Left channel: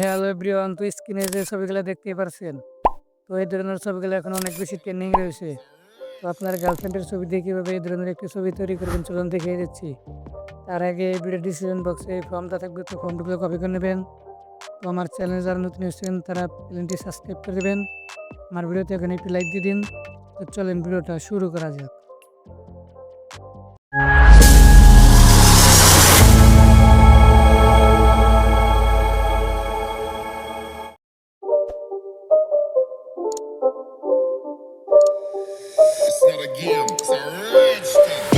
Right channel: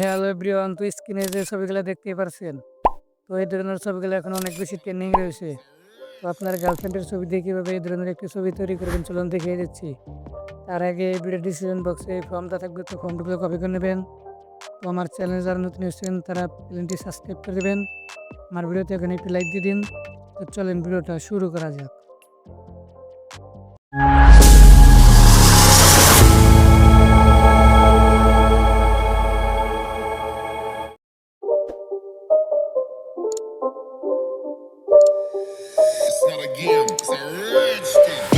Hello everyone, তো স্ক্রিনে যে ছবিগুলো দেখতেই পারছেন, তো এই ধরনের ছবিগুলো এখন অনেক বেশি ট্রেন্ডিং রয়েছে। তো আপনার গার্লফ্রেন্ডের ছবি দিয়ে কীভাবে এই ধরনের একটি ছবি তৈরি করবেন চলুন দেখিয়ে দিচ্ছি। তার আগে এই ভিডিও ডিসক্রিপশন বক্সে এই ফর্মটা থাকবে, তো ফর্মগুলো কপি করে নেবেন। তো আমার চ্যানেলে যারা নতুন এসেছেন তারা চ্যানেলটি সাবস্ক্রাইব করে দেবেন। আমার ভিডিওতে এখানে একটি লাইক দিয়ে দিন। তো চলেন ভিডিওটা শুরু করা যাক। It's not a game, it's a rich thing.